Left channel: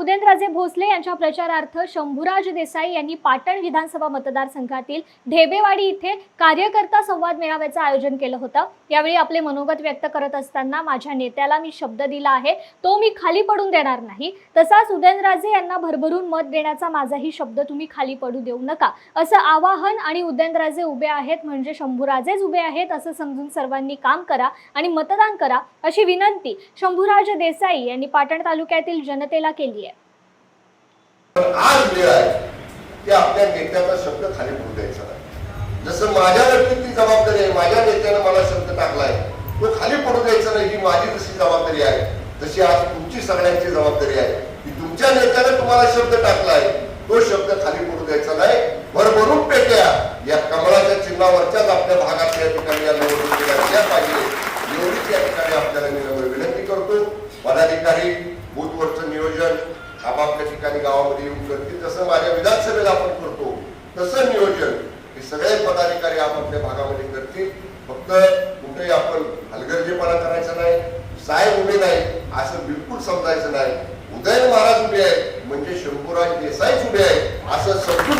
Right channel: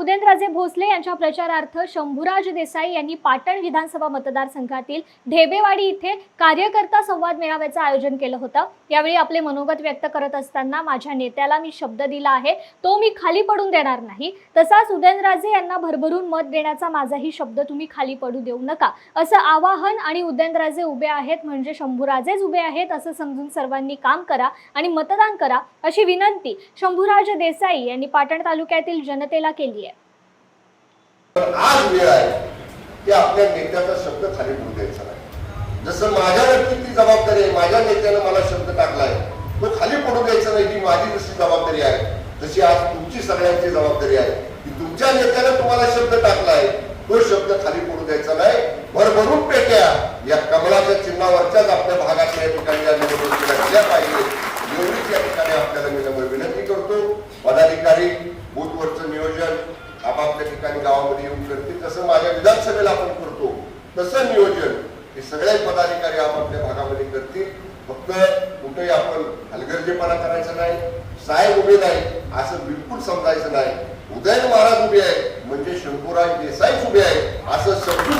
उदयनराजे भोसले यांच्या प्रचारार्थ शंभूराज देसाई यांनी पाटण विधानसभा मतदारसंघातील ढेबेवाडी इथे कार्यकर्ता संवाद मेळाव्याचं आयोजन केलं होतं। यावेळी आपले मनोगत व्यक्त करत असताना माझ्या नेत्याला मी शब्द दिला आहे तो मी खाली पडून देणार नाही, तसाच उदयनराजे यांना भरभरून मत देण्याचा माझाही शब्द तुम्ही खाली पडू देऊ नका असं आवाहन आणि उदयनराजे उभे आहेत म्हणजे शंभूराजेच उभे आहेत असं समजून सर्वांनी काम करा आणि मतदान करा अशी विनंती शंभूराज देसाई यांनी पाटण तालुक्यातील जनतेला केली आहे। आज वेळ आहे की आपल्या नेत्याचा शब्द खाली पडू द्यायचा नाही। जसं माझ्यावरती ती जबाबदारी आहे, माझ्या नेत्याने मला शब्द टाकलाय तो खाली पडू द्यायचा नाही, ही माझी तशी जबाबदारी आहे। तशी आज तुमची सगळ्यांची जबाबदारी आहे की तुमच्या नेत्याने तुम्हाला शब्द टाकलाय तो शब्द खाली पडू द्यायचा नाही। भरभरून पेट्या या कमळाच्या चिन्हावरच्याच आपल्या भागातल्या ठिकाणी घातल्या पाहिजे एवढीच या ठिकाणी आपल्याला मी विनंती करतो। पदाधिकारी बूथवरचं नियोजन आपापल्या ठिकाणी गावामध्ये येऊन करतील, तसं माझ्या विधानसभेला आपण करतो तसं नियोजन हे सगळे पदाधिकारी आपापल्या भागामध्ये करतील। फक्त कुठेही आपण हलगर्जीपणा करायचा नाही, साहेब उभे नाही असं बिलकुल समजायचं नाही। उदयन महाराज उभे आहेत म्हणजे शंभूराज देसाई उभे आहेत असं समजून